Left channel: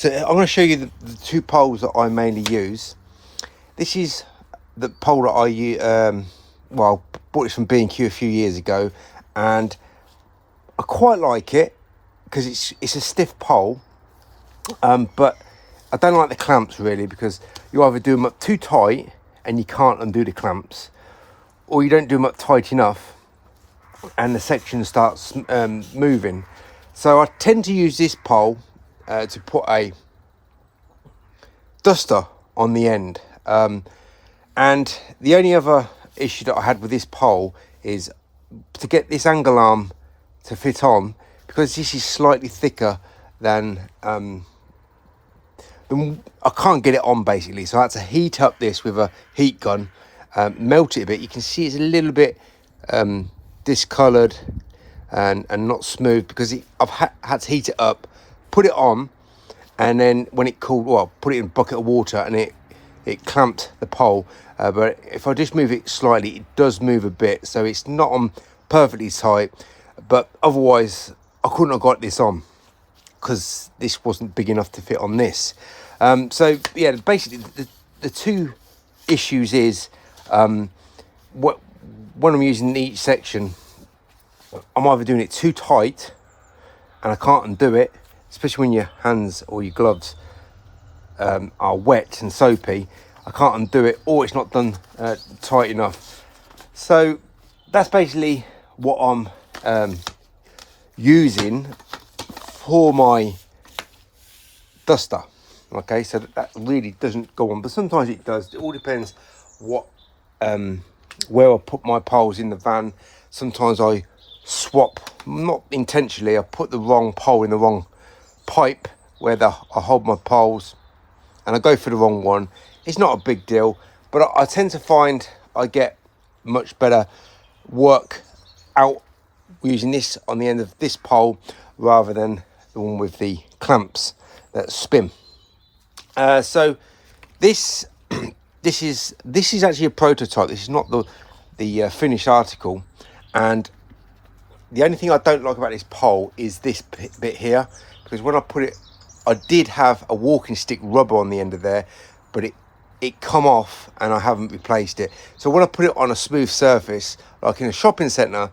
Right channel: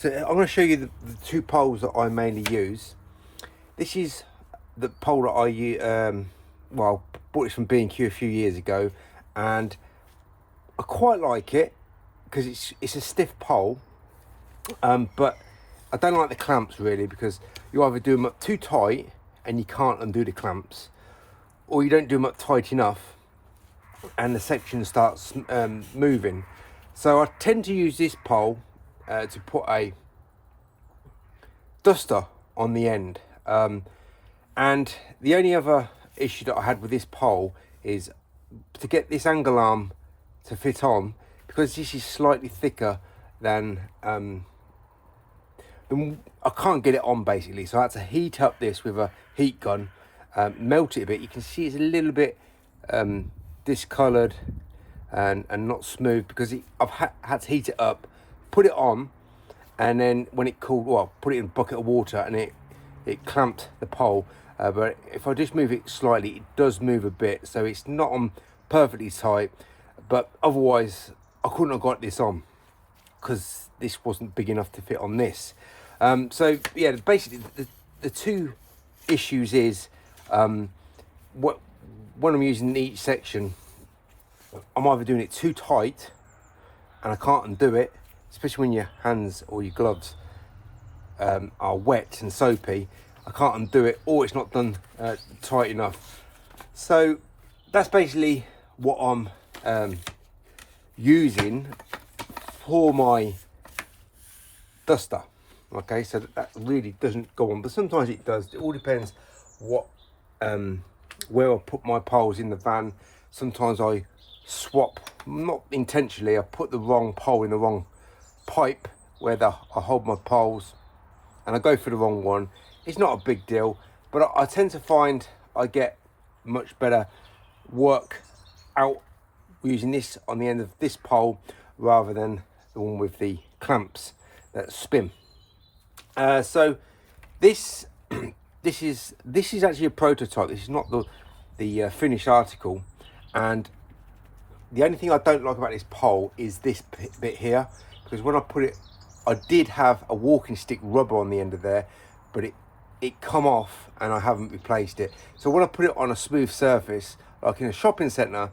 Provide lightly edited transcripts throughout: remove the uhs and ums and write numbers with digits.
So I'm going to show you the two poles that I mainly use. This is the pole that I use. Well, I bought this from B&Q a few years ago, and I quite like it because it's a stiff pole. But I don't like the clamps really, because you either do them up too tight and you can't undo the clamps, or you don't do them up tight enough and the section starts moving. So I tend to use this pole to put a duster on the end. And the only other issue that I had with this pole is to get this angle arm to fit on, because this is slightly thicker than I can't get it on basically. So I had to heat up this with a heat gun, melt it a bit. You can see it's a little bit discoloured and not smooth, because I've had to heat it up, put it on, and then when it cooled, well, put it in a bucket of water, and it clamped the pole. But if I just move it slightly, it does move a bit, so it's not on perfectly tight. But otherwise, I couldn't have got this on because this wasn't big enough to fit on this. So yeah, basically the two issues is when I'm using each section, I'm either doing it too tight and I can't undo it, especially when your hands or your gloves are wet and soapy. I can't undo it, or it's not done tight enough. So that's basically what I'm using for my duster. Okay, so that really doesn't go on, but sometimes it does. It all depends what where I put my poles in the van. Sometimes I swap, not intentionally, I put the wrong pole in the wrong pipe where I hold my poles, and I go for the wrong one. It's not a big deal, but I tend to find I get much better work out using this on the end of this pole rather than the one with the clamps that spin. So this is actually a prototype. This is not the finished article, and the only thing I don't like about this pole is this bit here, because when I put it, I did have a walking stick rubber on the end of there, but it come off and I haven't replaced it. So when I put it on a smooth surface, like in a shopping centre,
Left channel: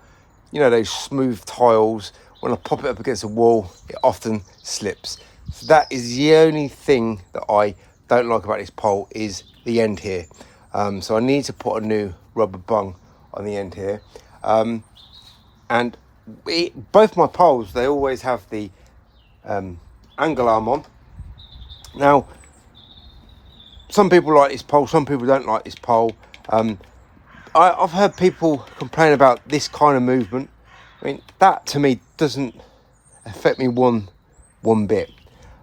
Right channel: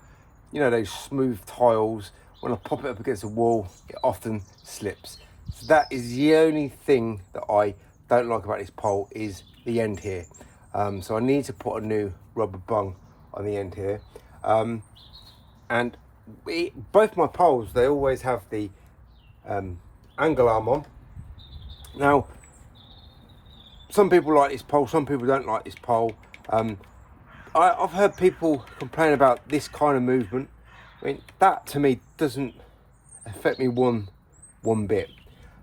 you know, those smooth tiles, when I pop it up against the wall, it often slips. So that is the only thing that I don't like about this pole, is the end here. So I need to put a new rubber bung on the end here. And both my poles, they always have the angle arm on. Now, some people like this pole, some people don't like this pole. I've heard people complain about this kind of movement. I mean, that to me doesn't affect me one bit.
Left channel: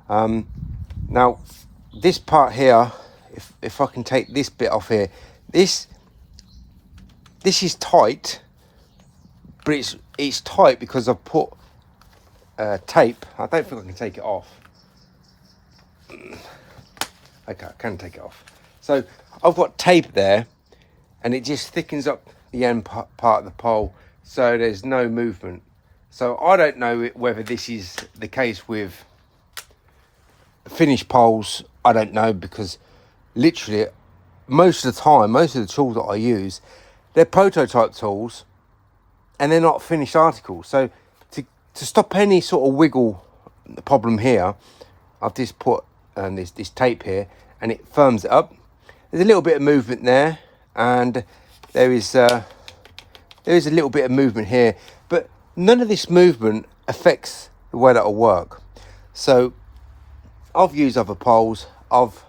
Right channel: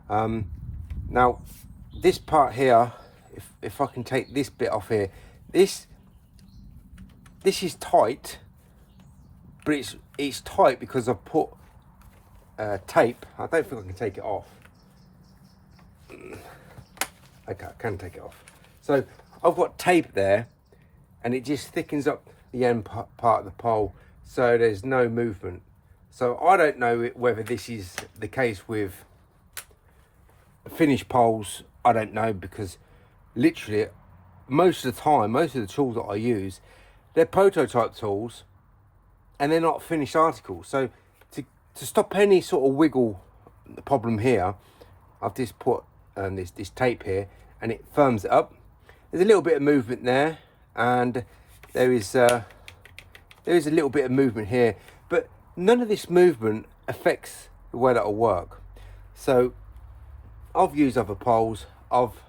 Now, this part here, if I can take this bit off here, this is tight, but it's tight because I've put tape. I don't think I can take it off. Okay, I can take it off. So I've got tape there, and it just thickens up the end part of the pole, so there's no movement. So I don't know whether this is the case with finished poles. I don't know, because literally most of the time, most of the tools that I use, they're prototype tools and they're not finished articles. So to stop any sort of wiggle problem here, I've just put this tape here, and it firms it up. There's a little bit of movement there, and there is a little bit of movement here, but none of this movement affects the way that I work. So I've used other poles. I've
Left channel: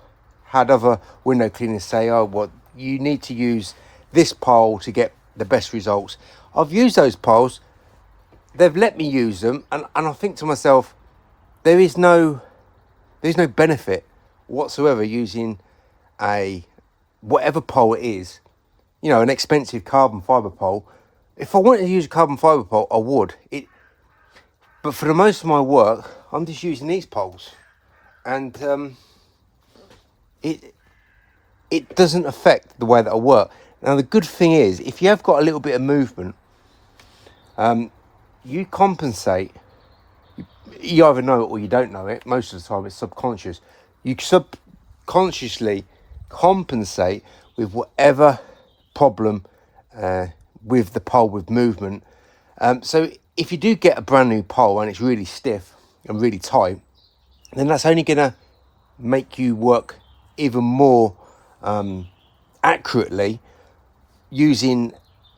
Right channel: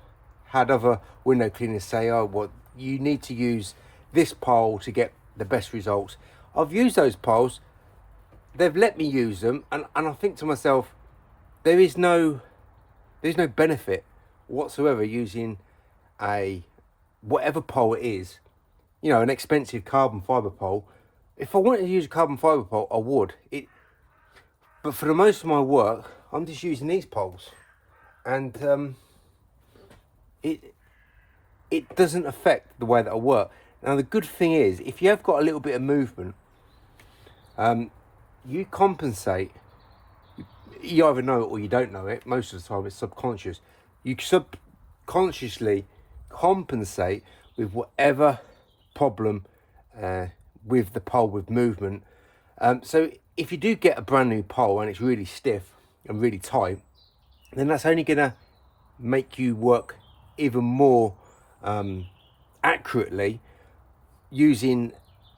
had other window cleaners say, oh, well, you need to use this pole to get the best results. I've used those poles. They've let me use them, and I think to myself, there's no benefit whatsoever using whatever pole it is, you know, an expensive carbon fibre pole. If I wanted to use a carbon fibre pole, I would. But for the most of my work, I'm just using these poles, and it doesn't affect the way that I work. Now, the good thing is, if you have got a little bit of movement, you compensate you either know it or you don't know it. Most of the time it's subconscious. You subconsciously compensate with whatever problem with the pole, with movement. So if you do get a brand new pole and it's really stiff and really tight, then that's only going to make you work even more accurately using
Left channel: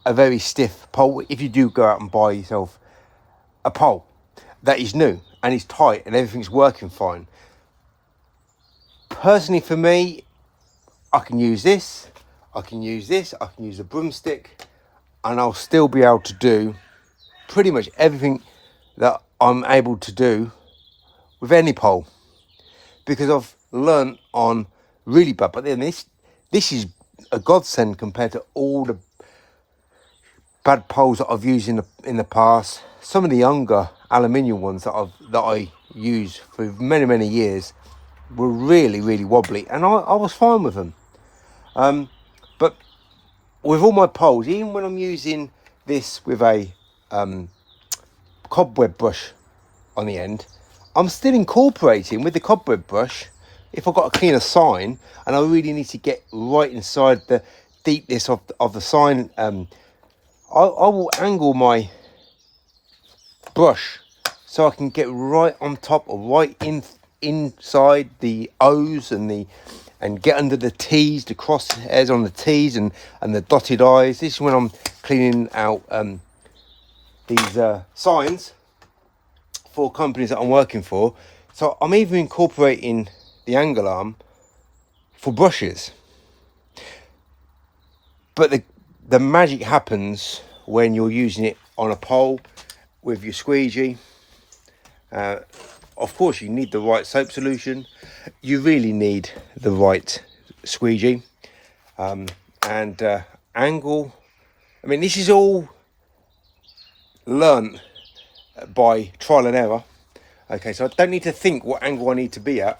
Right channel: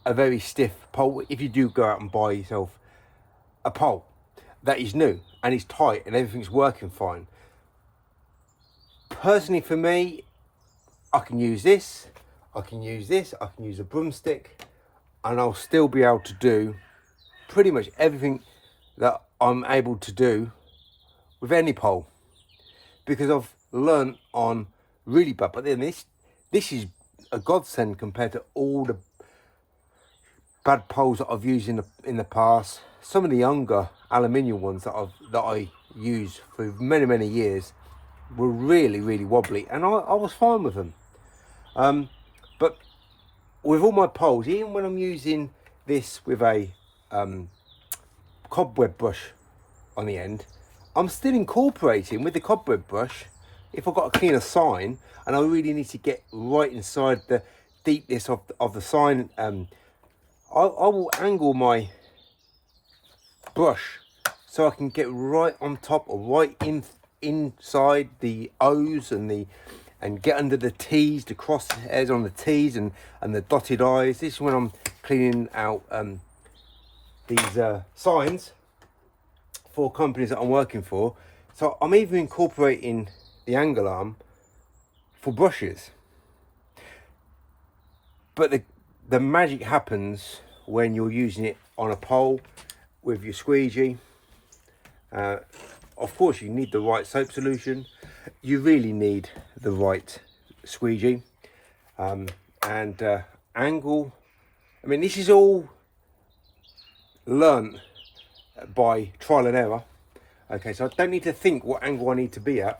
a very stiff pole. If you do go out and buy yourself a pole that is new and is tight and everything's working fine. Personally, for me, I can use this, I can use a broomstick, and I'll still be able to do pretty much everything that I'm able to do with any pole, because I've learnt on really bad. But then this is a godsend compared to all the bad poles that I've used in the past. Some of the younger aluminium ones that I used for many years were really wobbly, and I was fine with them. But with all my poles, even when I'm using this with a cobweb brush on the end, I'm still incorporating with the cobweb brush. If I've got to clean a sign and I really need to get right inside the deepness of the sign, I will angle my brush so I can get right on top or right inside the O's and get under the T's, the crosshairs on the T's and the dotted I's. This is when I'm cleaning out these signs for companies that I'm working for. So I'm even incorporating the angle arm for brushes. But the magic happens when you're using it on a pole with your squeegee. Of course, you need the right soap solution. You really need the right squeegee and angle. I mean, this is all learnt by trial and error. Okay, so I don't need to think what angle I need to be at.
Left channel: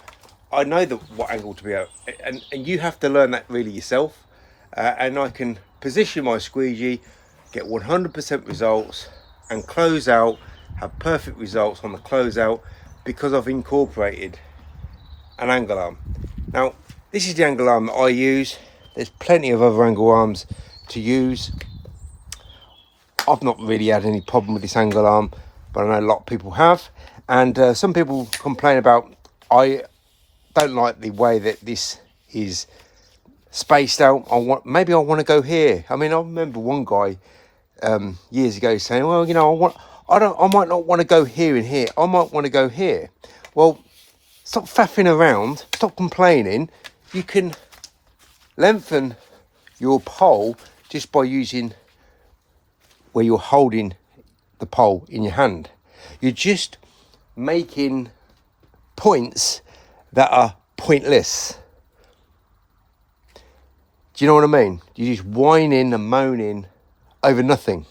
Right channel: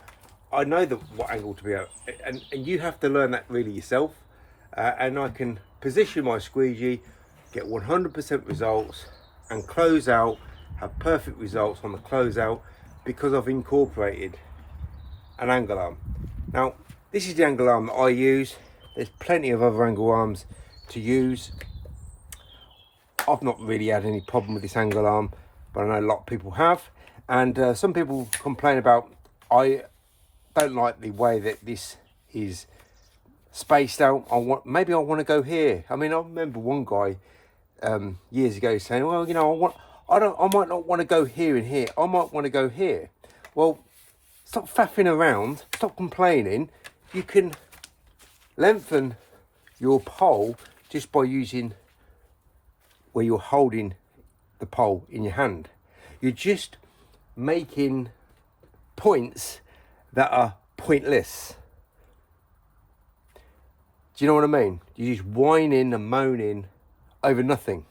I know what angle to be at, and you have to learn that really yourself. And I can position my squeegee, get 100% results, and close out, have perfect results on the closeout because I've incorporated an angle arm. Now, this is the angle arm that I use. There's plenty of other angle arms to use. I've not really had any problem with this angle arm, but I know a lot of people have. And some people complain about, I don't like the way that this is spaced out. Maybe I want to go here. I mean, I remember one guy years ago saying, well, you know, I might not want to go here and here. I might want to go here. Well, stop faffing around. Stop complaining. You can lengthen your pole just by using where you're holding the pole in your hand. You're just making points that are pointless. Do you know what I mean? You're just whining and moaning over nothing.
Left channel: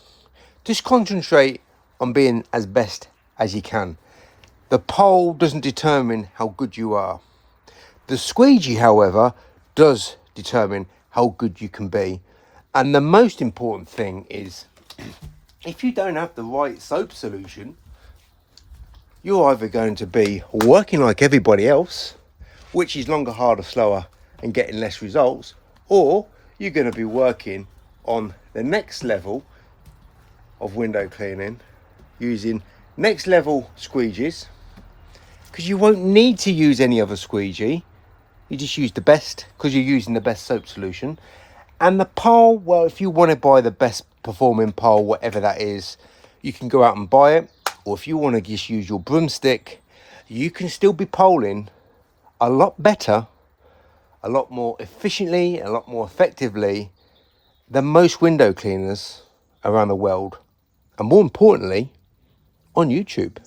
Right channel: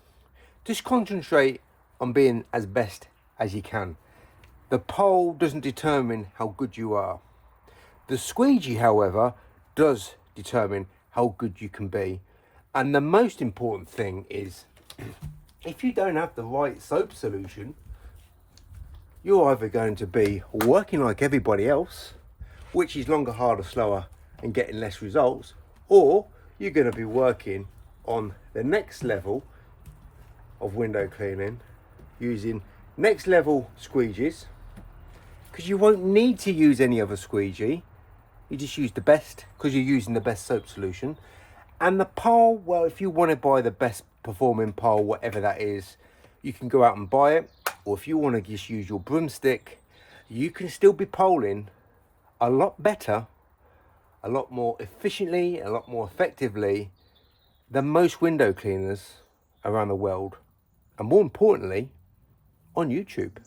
Just concentrate on being as best as you can. The pole doesn't determine how good you are. The squeegee, however, does determine how good you can be. And the most important thing is, if you don't have the right soap solution, you're either going to be working like everybody else, which is longer, harder, slower, and getting less results, or you're going to be working on the next level of window cleaning using next level squeegees, because you won't need to use any other squeegee. You just use the best because you're using the best soap solution. And the pole, well, if you want to buy the best performing pole, whatever that is, you can go out and buy it. Or if you want to just use your broomstick, you can still be poling a lot better, a lot more efficiently, a lot more effectively than most window cleaners around the world. And more importantly, on YouTube.